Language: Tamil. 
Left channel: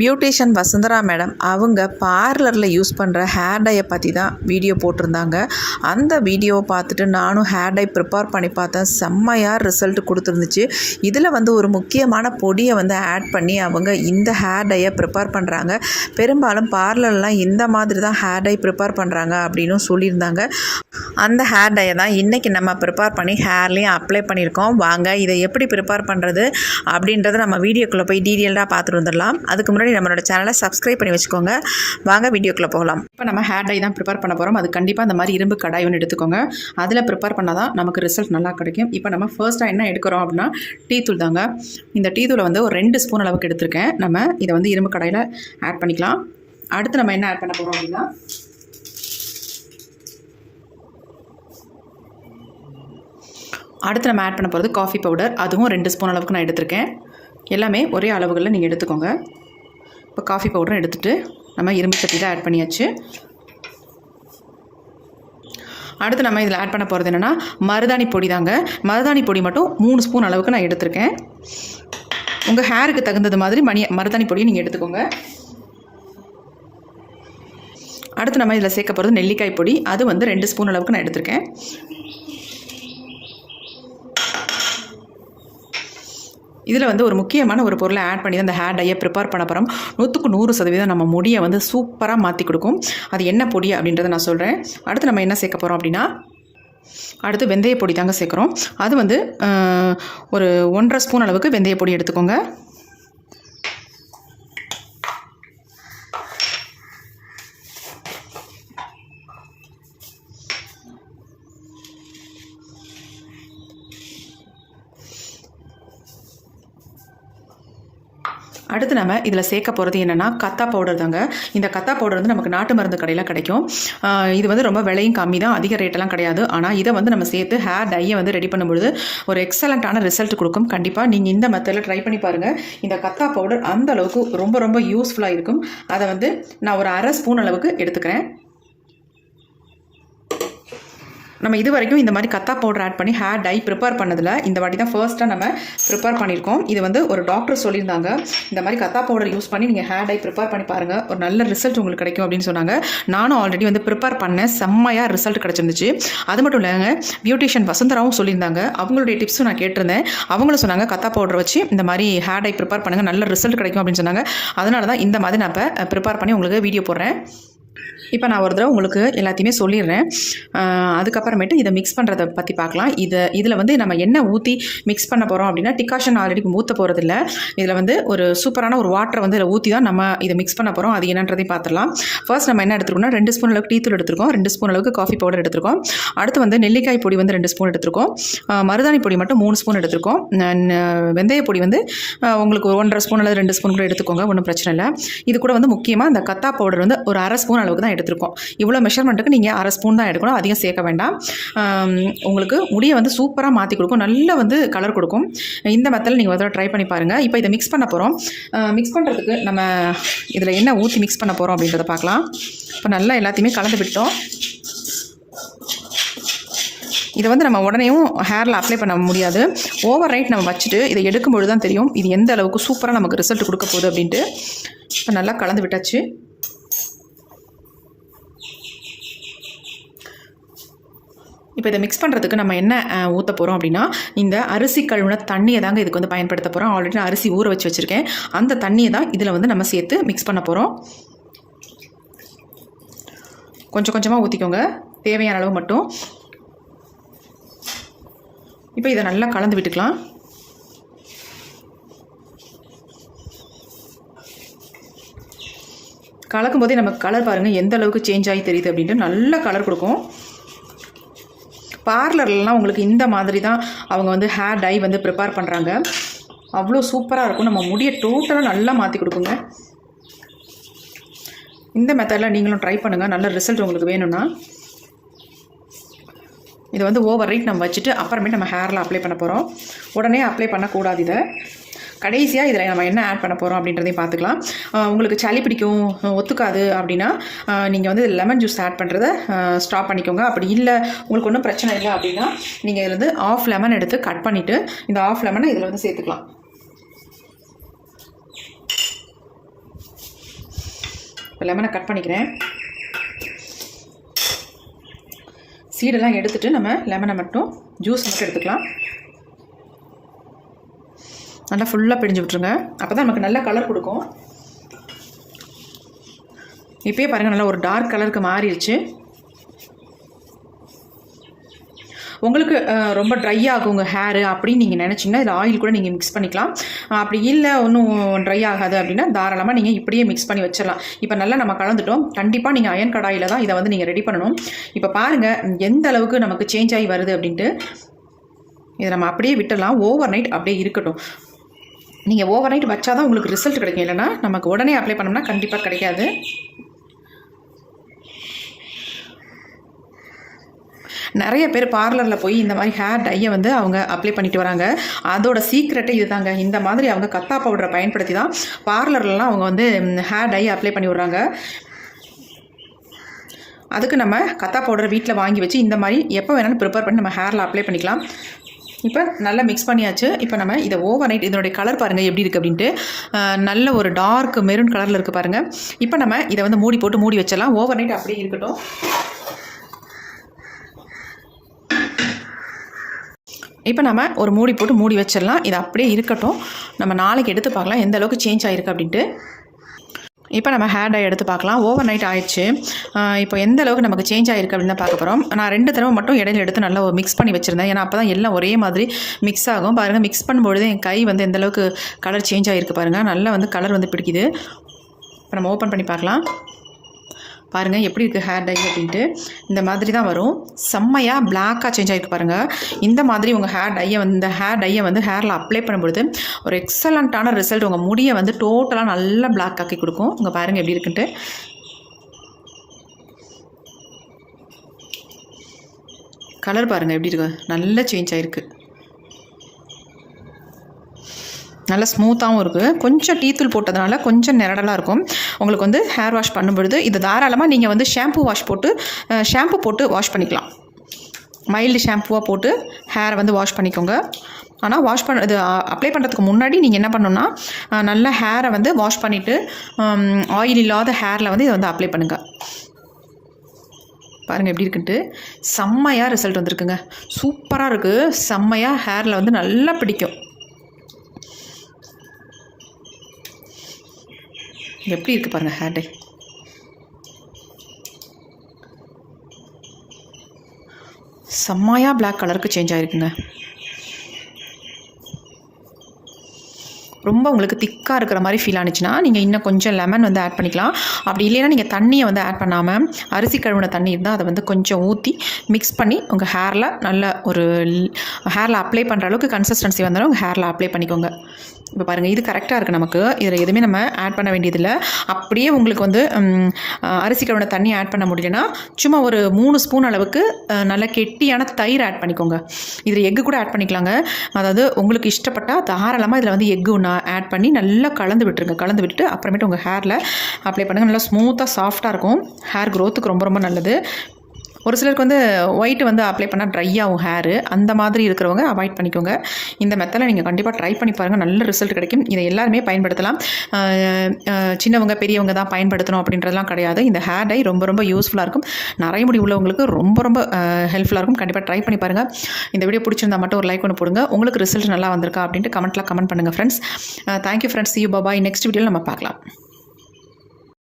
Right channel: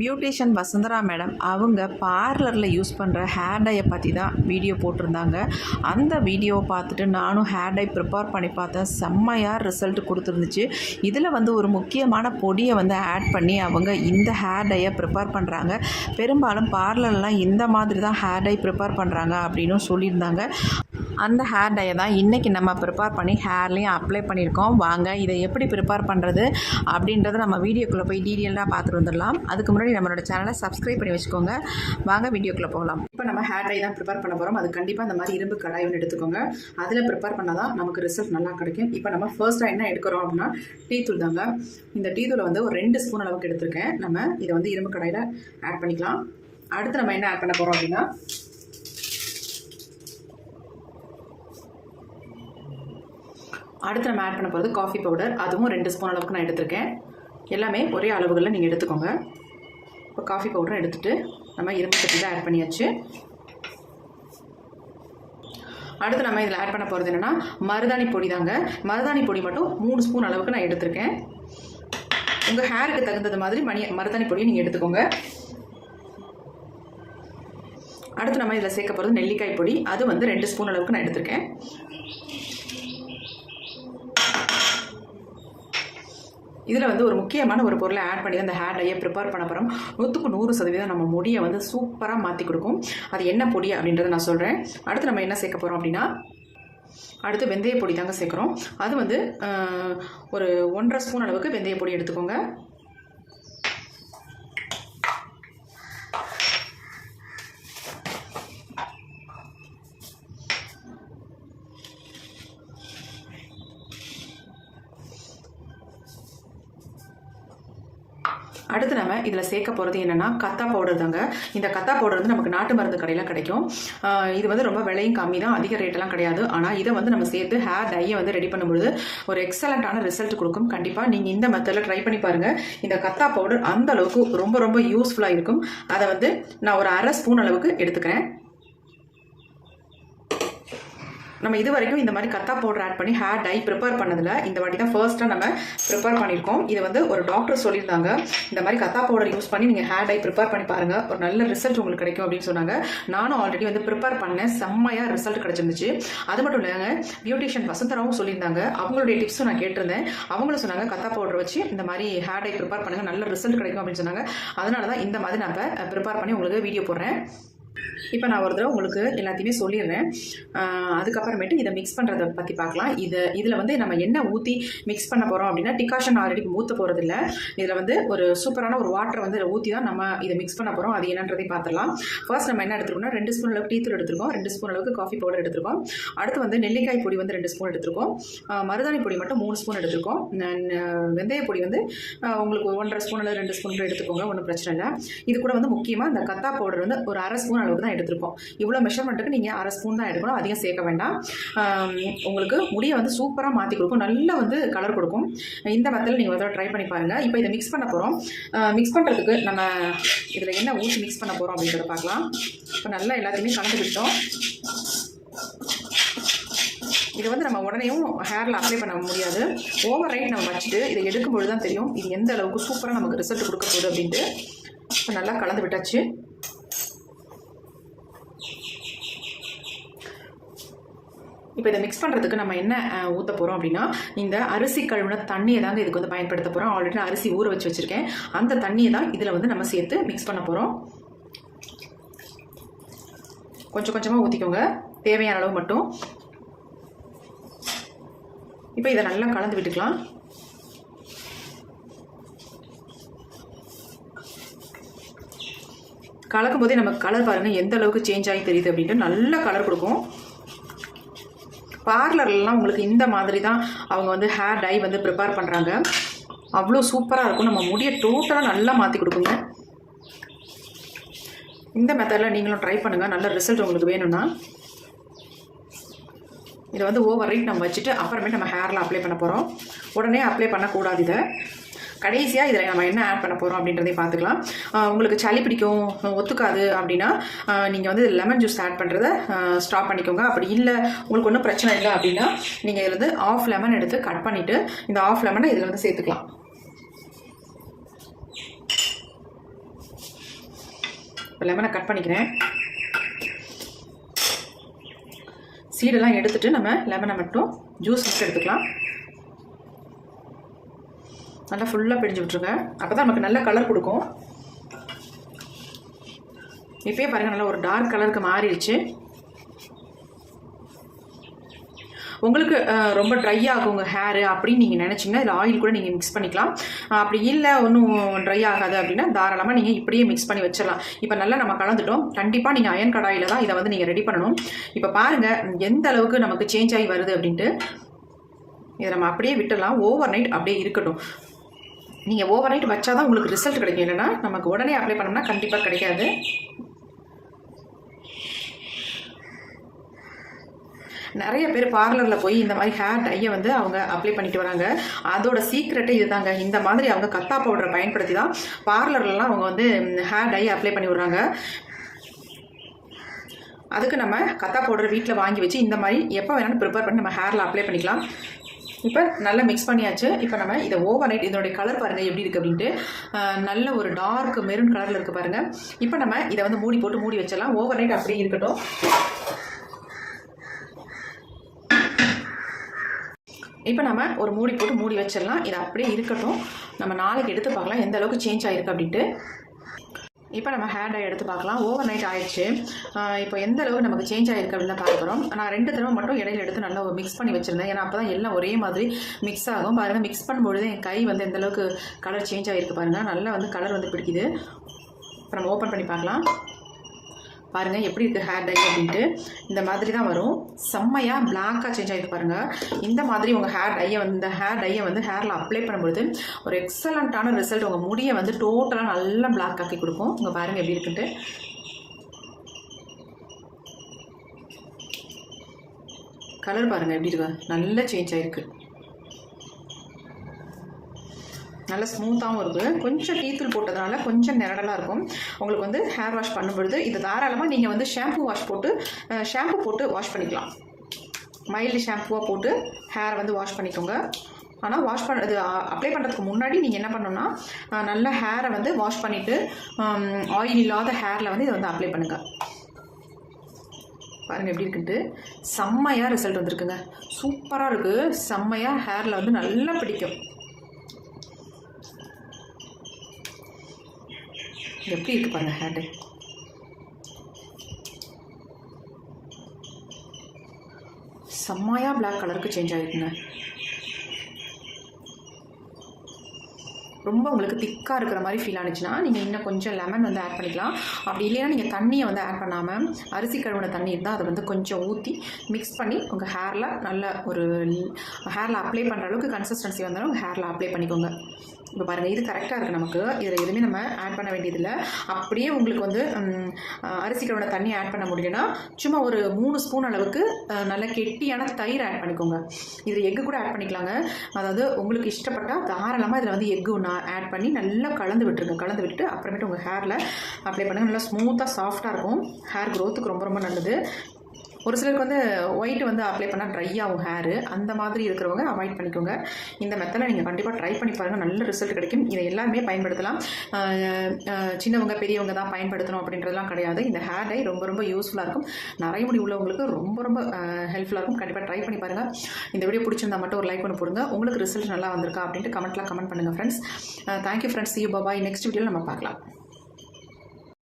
பியூட்டிஷியன் வசுந்தரா மேடம் அவங்க பார்லரில் யூஸ் பண்ணுற ஹேர் டையை பற்றி தான் வீடியோ போட்டிருந்தாங்க. அந்த வீடியோவை பார்த்துட்டு நானும் ஹேர் டை ப்ரிப்பேர் பண்ணி பார்த்தேன். செம்மையாக ரிசல்ட் கொடுத்துருந்துச்சு. இதில் ஒரு முக்கியமான பொடியை ஆட் பண்ணி அவங்க இந்த ஹேர் டையை ப்ரிப்பேர் பண்ணுறாங்க. பெரும்பாலும் பார்லர்லாம் இந்த மாதிரி தான் ஹேர் டை ப்ரிப்பேர் பண்ணுறாங்க அப்படின்னு சொல்லியிருந்தாங்க. அந்த ஹேர் டையை தான் இன்றைக்கி நம்ம ப்ரிப்பேர் பண்ணி ஹேர்லேயும் அப்ளை பண்ணியிருக்கோம். வாங்க இதை எப்படி ப்ரிப்பேர் பண்ணுறது அப்படின்றத நம்ம வீடியோக்குள்ளே போய் டீட்டெயிலாக பார்த்துட்டு வந்துடலாம். அதுக்கு முன்னாடி நம்மளோட சேனலை சப்ஸ்கிரைப் பண்ணி வச்சுக்கோங்க. வாங்க வீடியோக்குள்ளே போகலாம். இப்போ நம்ம ஹேர் டை தான் ப்ரிப்பேர் பண்ண போகிறோம். அது கண்டிப்பாக அந்த மாதிரி இரும்பு கடாய் ஒன்று எடுத்துக்கோங்க. அதில் ப்ரிப்பேர் பண்ணால் தான் நமக்கு ரிசல்ட் நல்லா கிடைக்கும். இப்போ நம்ம ஃபர்ஸ்ட்டாக என்ன எடுக்கிறோம் அப்படின்னா டீ தூள் தாங்க. இந்த டீ தூளை ஒரு 2 ஸ்பூன் அளவுக்கு எடுத்திருக்கேன். நம்ம இதை இரும்பு கடாயில் ஆட் பண்ணிக்கலாம். அடுத்து நம்ம என்ன ஆட் பண்ண போகிறோம் அப்படின்னா அடுத்து நம்ம ஆட் பண்ண போகிறது காஃபி பவுடர். அதுவும் 2 ஸ்பூன் அளவுக்கு நான் எடுத்திருக்கேன். எல்லாமே ஒரே அளவுகளில் நீங்கள் எடுத்துக்கோங்க. இப்போ காஃபி பவுடரும் எடுத்துகிட்டு நம்ம இரும்பு சட்டியில் ஆட் பண்ணியாச்சு. அடுத்து நம்ம இதில் ஆட் பண்ண போகிறது என்னென்னா மருதாணி பொடி தாங்க. மருதாணி பொடி மட்டும் 3 ஸ்பூன் அளவுக்கு நான் எடுத்திருக்கேன். உங்கள் ஹேருக்கு தகுந்தது மாதிரி மருதாணி பொடியை நீங்கள் எடுத்துக்கோங்க. அடுத்து நம்ம இதில் சேர்க்க போகிறது நெல்லிக்காய் பொடி. அது 2 ஸ்பூன் அளவுக்கு நான் எடுத்திருக்கேன். இதில் ஒரு முக்கியமான ஒரு பொருளை ஆட் பண்ணி தான் இந்த ஹேர் டையை ப்ரிப்பேர் பண்ண போகிறோம். 100க்கு 100% நம்ம முடியை சூப்பராக மாற்றி கொடுக்கும். அது என்ன பொடி அப்படின்றத நான் சொல்கிறேன். அடுத்து நம்ம என்ன சேர்க்க போகிறோம் அப்படின்னா அடுத்து வெந்தய பொடி தாங்க சேர்க்குறோம். அது ஒரு 1.5 ஸ்பூன் அளவுக்கு வெந்தய பொடி எடுத்துக்கோங்க. அடுத்து நம்ம இதில் சேர்க்க போகிறது என்னென்னா கத்தா பவுடர் தாங்க. இந்த கத்தா பவுடர் நமக்கு நாட்டு மருந்து கடையில் கிடைக்கும். இது ரொம்ப விலையும் கம்மி தான், அதிக ரேட்டெல்லாம் கிடையாது. ஆனால் இதை நம்ம சேர்த்து ஹேர் டையை ரெடி பண்ணும்பொழுது ஒரு எக்ஸலண்ட்டான ரிசல்ட் கொடுக்கும். கண்டிப்பாக நீங்கள் இந்த மெத்தடில் ட்ரை பண்ணி பாருங்கள். இந்த கத்தா பவுடர் அந்த அளவுக்கு ரொம்ப ரொம்ப யூஸ்ஃபுல்லாக இருக்கும். அதை நான் ஒரு 1/2 ஸ்பூன் அளவுக்கு எடுத்துக்கிறேன். நம்ம இது வரைக்கும் இந்த மாதிரி கத்தா பவுடர் ஆட் பண்ணி ஹேர் டை ப்ரிப்பேர் பண்ணதில் இந்த வாட்டி தான் ஃபர்ஸ்ட்டாக நம்ம ப்ரிப்பேர் பண்ணியிருக்கோம். இது ஒரு டாக்டர் சொல்லியிருந்தாங்க, இந்த மாதிரி கத்தா பவுடர் யூஸ் பண்ணி நீங்கள் ஹேர் டை ப்ரிப்பேர் பண்ணி பாருங்கள், ஒரு நல்ல ரிசல்ட் உங்களுக்கு கிடைக்கும் அப்படின்னு சொன்னாங்க. நானும் ஆல்ரெடி ப்ரிப்பேர் பண்ணேன். செம்மையாக ரிசல்ட் கிடச்சிருந்துச்சு. அது மட்டும் இல்லைங்க, பியூட்டிஷியன் வசுந்தராவும் சொல்லியிருந்தாங்க. அவங்களுடைய டிப்ஸும் நான் கேட்டிருந்தேன். அவங்களும் சொன்னாங்க கத்தா பவுடர் வச்சு இந்த மாதிரி ஹேர் டை ப்ரிப்பேர் பண்ணுங்கள், நல்ல ரிசல்ட் கிடைக்கும் அப்படின்னு சொன்னாங்க. அதனால தான் இந்த மாதிரி நான் இப்போ ப்ரிப்பேர் பண்ணி உங்களுக்கு வீடியோ போடுறேன். இப்போ நான் ஒரு தடவை உங்களுக்கு எல்லாத்தையுமே சொல்லிடுறேன். அதுக்கப்புறமேட்டு இதை மிக்ஸ் பண்ணுறதை பற்றி பார்க்கலாம். இதில் நம்ம என்ன ஊற்றி மிக்ஸ் பண்ண போகிறோம் அப்படின்னா டிகாஷன் ஆல்ரெடி ஊற்ற போகிறதில்ல. இதில் ஒரு சூப்பரான ஒரு வாட்டரை இதில் ஊற்றி தான் நம்ம இதை மிக்ஸ் பண்ண போகிறோம். அது என்னன்றதையும் பார்த்துடலாம். ஃபர்ஸ்ட் நம்ம என்ன எடுத்துருக்கோம்னா 2 ஸ்பூன் அளவுக்கு டீ தூள் எடுத்துருக்கோம். 2 ஸ்பூன் அளவுக்கு காஃபி பவுடர் எடுத்துருக்கோம். அடுத்து நெல்லிக்காய் பொடி 2 ஸ்பூன் எடுத்துருக்கோம். மருதாணி பொடி மட்டும் 3 ஸ்பூன் எடுத்துருக்கோம். வெந்தய பொடி உங்களுக்கு 1.5 ஸ்பூன் அல்லது 2 ஸ்பூன் கூட எடுத்துக்கோங்க, ஒன்றும் பிரச்சனை இல்லை. இது கூட முக்கியமாக இந்த கத்தா பவுடர் ஒரு 1/2 ஸ்பூன் அளவுக்கு தான் எடுத்துருக்கோம். இவ்வளோ மெஷர்மெண்ட்டுக்கு நீங்கள் 1/2 ஸ்பூன் தான் எடுக்கணும், அதிகம் சேர்க்க வேண்டாம். உங்களுக்கு முடியை சூப்பராக மாற்றி கொடுக்கும், நல்ல கலர் கொடுக்கும். இந்த மெத்தடில் நீங்கள் ட்ரை பண்ணி பாருங்கள். இப்போ இதை மிக்ஸ் பண்ண போகிறோம். மிக்ஸ் பண்ணுறதுக்கு நம்ம இதில் என்ன ஊற்றி மிக்ஸ் பண்ண போகிறோம் அப்படின்றத பார்க்கலாம். இப்போ நல்லா எல்லாத்தையுமே கலந்து விட்டோம். இதை நம்ம உடனேயும் ஹேரில் அப்ளை பண்ண முடியாது. ஓவர் ரைட் நம்ம வச்சுட்டு இதை எடுக்கும்பொழுது தான் தெரியும் இது எந்த அளவுக்கு சூப்பராக நமக்கு ரிசல்ட் கொடுக்க போகுது அப்படின்ட்டு. இப்போ நல்லா கலந்து விட்டாச்சு. இப்போ இதை மிக்ஸ் பண்ணுறதுக்கு நம்ம என்ன ஊற்ற போகிறோம் அப்படின்னா இந்த அரிசி கழுவுன தண்ணியை தாங்க இதுக்கு பயன்படுத்த போகிறோம். ஆல்ரெடி நான் அரிசி ஊற வச்சு வச்சுருக்கேன். அந்த தண்ணியை தான் இதில் நம்ம சேர்த்து மிக்ஸ் பண்ண போகிறோம். கொஞ்சம் கொஞ்சமாக ஊற்றிக்கோங்க, தேவையான அளவு மட்டும். இப்போ இதை நல்லா கலந்து விட்டுக்கலாம். கலக்கும் போதே நமக்கு கலர் பாருங்கள் எந்த அளவுக்கு சேஞ்ச் ஆகி தெரியுது அப்படின்ட்டு. நல்ல கலர் கொடுக்கும். பார்லர்லாம் உங்களுக்கு இந்த மாதிரி தான் அவங்க ஹேர் டை ப்ரிப்பேர் பண்ணுறாங்க. அவ்வளோ சூப்பராக இருக்கும். நம்ம முடியை டோட்டலாக நல்லா மாற்றி கொடுக்குங்க. இந்த மெத்தடில் நீங்களும் ட்ரை பண்ணுங்கள். நல்ல ரிசல்ட் உங்களுக்கு வேணும்னா இதை ஓவர் ரைட் நம்ம வச்சுட்டு அப்புறமேட்டு நம்ம ஹேரில் அப்ளை பண்ண போகிறோம். உடனே அப்ளை பண்ணக்கூடாது. இதை கடைசியாக இதில் நம்ம என்ன ஆட் பண்ண போகிறோம் அப்படின்றதையும் பார்த்துக்கலாம். உங்களுக்கு சளி பிடிக்கும், ஒத்துக்காது அப்படின்னா நீங்கள் லெமன் ஜூஸ் ஆட் பண்ணுறதை ஸ்டாப் பண்ணிக்கோங்க. அப்படி இல்லை உங்களுக்கு ஒன்றும் பிரச்சனை இல்லை அப்படின்னா நீங்கள் இதில் 1/2 லெமன் எடுத்து கட் பண்ணிவிட்டு இந்த 1/2 லெமனை இதில் சேர்த்துக்கலாம். இப்போ லெமனை கட் பண்ணிக்கிறேன். சீடெல்லாம் எடுத்துகிட்டு நம்ம லெமனை மட்டும் ஜூஸ் மட்டும் எடுத்துக்கலாம். நல்லா ஃபுல்லாக பிழிஞ்சு விட்ருங்க. அப்போ தான் நமக்கு நல்ல கலர் கொடுக்கும். இப்போயே பாருங்கள் நல்லா ஒரு டார்க் கலருக்கு மாறிடுச்சு. உங்களுக்கு ரொம்ப ட்ரை ஆகுங்க ஹேரு அப்படின்னு நீங்கள் நினச்சிங்கன்னா இதில் ஆயில் கூட நீங்கள் மிக்ஸ் பண்ணிக்கலாம். அப்படி இல்லை ஒன்றும் ட்ரை ஆகாது அப்படின்னா தாராளமாக நீங்கள் இப்படியே மிக்ஸ் பண்ணி வச்சிடலாம். இப்போ நல்லா நம்ம கலந்துட்டோம். கண்டிப்பாக நீங்கள் அயன் கடாயில் தான் இதை வந்து நீங்கள் ரெடி பண்ணணும். இப்போ பாருங்கள் எந்த அளவுக்கு நமக்கு சேஞ்ச் ஆகி வருது அப்படின்ட்டு. இதை நம்ம அப்படியே விட்டுடலாம். ஓவர் நைட் அப்படியே இருக்கட்டும். நீங்கள் ஓவர் நைட் வச்சா தான் உங்களுக்கு ரிசல்ட் கிடைக்கும். இல்லைன்னா நமக்கு உடனே அப்ளை பண்ணோம்னா கண்டிப்பாக கிடைக்காது. நிறைய பேர் பார்லரில் போய் இந்த மாதிரி ஹேர் டையை வந்து அவங்க அப்ளை பண்ணிட்டு வராங்க. அதோட சீக்ரெட்டே இது தாங்க. இந்த மாதிரி அவங்க கத்தா பவுடரை பயன்படுத்தி தான் பார்லர்லலாம் அவங்க வந்து ஹேர் டையை அப்ளை பண்ணி விட்றாங்க. அதுக்கு நம்ம கத்தா பவுடர் வீட்டில் வாங்கி வச்சு இந்த மாதிரி எப்போ வேணாலும் ப்ரிப்பேர் பண்ணி நம்ம ஹேரில் அப்ளை பண்ணிக்கலாம். இப்போ நல்லா மிக்ஸ் பண்ணியாச்சு. இப்போ நம்ம இதை ஓவர் நைட் இதனுடைய கலர் பாருங்கள் எப்படி இருக்குது அப்படின்ட்டு. நல்ல ஒரு டார்க் மெரூன் கலரில் இருக்குது பாருங்கள். இப்போ நம்ம இதை வந்து மூடி போட்டு மூடி வச்சிடலாம். ஓவர் நைட் அப்படியே இருக்கட்டும். இப்போ நம்ம ஒரு மூடி போட்டு மூடி வச்சிடலாம். இது அப்படியே இருக்கட்டும். நம்ம நாளைக்கு எடுத்து பார்க்கலாம் எந்த அளவுக்கு சேஞ்ச் ஆகிருக்கு அப்படின்ட்டு. இப்போ நம்ம ஹேர் டை எடுத்து பார்க்கலாம். ஓவர் நைட் ஆயிடுச்சு. இப்போ எந்த அளவுக்கு நமக்கு சேஞ்ச் ஆகிருக்கு அப்படின்னு தான் பார்க்க போகிறோம். நான் 2 தடவை மட்டும் இடையில எடுத்து நல்லா மிக்ஸ் பண்ணி வச்சுருந்தேன். ஏன்னா அப்போ தான் எல்லாம் ஒரே மாதிரி மிக்ஸ் ஆகும். பாருங்கள் மிக்ஸ் பண்ணும்பொழுது என் கை வந்து எந்த அளவுக்கு கலர் சேஞ்ச் ஆகிருக்கு பாருங்கள். நல்லா வந்து கலர் வந்து பிடிக்குது. இப்போ நம்ம ஓப்பன் பண்ணி பார்க்கலாம். பாருங்கள் எப்படி இருக்குது ஹேர் டை அப்படின்ட்டு. இந்த மாதிரி தான் வரும். செம்மையாக பிளாக்காக சேஞ்ச் ஆகிருக்கு பாருங்கள். இந்த மாதிரி உங்கள் ஹேர் டையை வந்து ஹேரில் அப்ளை பண்ணும்பொழுது ஒரு எக்ஸலண்ட்டான ரிசல்ட். உங்கள் முடியை வந்து டோட்டலாக நல்லா பிளாக் ஆக்கி கொடுக்கும். உங்க பாருங்கள் எப்படி இருக்குன்ட்டு. கலர் பாருங்கள் எப்படி இருக்கு. நல்லா சேஞ்ச் ஆகிருக்கு. நல்லா ஸ்மூத்தாகவும் இருக்குது. கொஞ்சம் டீத்தூள் போட்டதுனால கொஞ்சம் நிரடலாக இருக்கும். உங்களுக்கு வந்து ஹேர் வாஷ் பண்ணும்பொழுது இது தாராளமாக நீங்கள் வந்து ஷாம்பு போட்டு வாஷ் பண்ணிக்கலாம். மைல்டு ஷாம்புவாக போட்டு ஹேரை வந்து வாஷ் பண்ணிக்கோங்க. ஆனால் இது அப்ளை பண்ணுறதுக்கு முன்னாடி நீங்கள் என்ன பண்ணணும்னா நல்லா ஹேரை வந்து வாஷ் பண்ணிவிட்டு ஆயில் இல்லாத ஹேரில் வந்து இதை வந்து அப்ளை பண்ணுங்கள். பாருங்கள் எப்படி இருக்குன்ட்டு. செம்மையாக ரிசல்ட் வந்துருக்குங்க. சூப்பராக இருக்குது. செம்மையாக ஹேரில் வந்து நல்லா பிடிக்கும். எப்படி இருக்குது பாருங்கள் ஹேர் டை. செம்மையாக பிளாக் கலருக்கு சேஞ்ச் ஆகிருக்குங்க. ரொம்ப உங்களுக்கு திக்காக இருக்கிற மாதிரி ஃபீல் ஆனிச்சுன்னா நீங்கள் இன்னும் கொஞ்சம் லெமன் வந்து ஆட் பண்ணிக்கலாம். அப்படி இல்லைன்னா நீங்கள் தண்ணியை வந்து ஆட் பண்ணாமல் அரிசி கழுவின தண்ணி இருந்தால் அதை வந்து கொஞ்சம் ஊற்றி மிக்ஸ் பண்ணி உங்கள் ஹேரில் நல்ல ஒரு ஹேரில் அப்ளை பண்ணுற அளவுக்கு கன்சிஸ்டன்சி வந்தாலும் உங்கள் ஹேரில் அப்ளை பண்ணிக்கோங்க. இப்போ பாருங்கள் இது கரெக்டாக இருக்குது நமக்கு. இதில் எதுவுமே நம்ம ஆட் பண்ண வேண்டியதில்லை. அப்படியே உங்களுக்கு வந்து அரிசி கழுவின தண்ணி ஆட் பண்ண முடியலன்னா சும்மா ஒரு 3 ஸ்பூன் அளவுக்கு நல்ல கெட்டியான தயிர் ஆட் பண்ணிக்கோங்க. இதில் எக்கு கூட ஆட் பண்ணிக்கலாங்க. அதாவது உங்களுக்கு இஷ்டப்பட்டால் தாராளமாக இதில் வந்து எக்கு ஒன்று ஆட் பண்ணி நல்லா கலந்து விட்டுருங்க. கலந்து விட்டுட்டு அப்புறமேட்டு உங்கள் ஹேரில் அப்ளை பண்ணுங்கள். நல்லா ஸ்மூத்தாக சாஃப்டாக இருக்கும். ஹேர் க்ரோத்துக்கு ரொம்ப ரொம்ப நல்லது. ஒரு சிலருக்கு வந்து ஒயிட்டு வந்து அப்ளை பண்ணால் ட்ரை ஆகும் ஹேரு. அந்த மாதிரி இருக்கிறவங்க அவாய்ட் பண்ணிக்கோங்க. இந்த மெத்தடில் நீங்கள் கண்டிப்பாக ட்ரை பண்ணி பாருங்கள். நல்ல ரிசல்ட் கிடைக்கும். இதை எல்லாருமே பயன்படுத்தலாம். சின்னவங்க பெரியவங்க தான் பயன்படுத்தணும் அப்படின்றதெல்லாம் கிடையாது. இந்த ஹேர் டை ரொம்ப ரொம்ப யூஸ்ஃபுல்லாக இருக்கும். நிறைய முடி உள்ளவங்களுக்கு ரொம்ப ரொம்ப ஹெல்ப்ஃபுல்லாக இருக்கும். கண்டிப்பாக ட்ரை பண்ணி பாருங்கள். இந்த வீடியோ பிடிச்சிருந்தா மட்டும் ஒரு லைக் ஒன்று போடுங்க. உங்களுக்கு ரிசல்ட் நல்லா வந்திருக்கா அப்படின்ட்டு கமெண்ட் பண்ணுங்கள் friends. Thank you friends. You bye. Next வீடியோவில் நம்ம பார்க்கலாம்.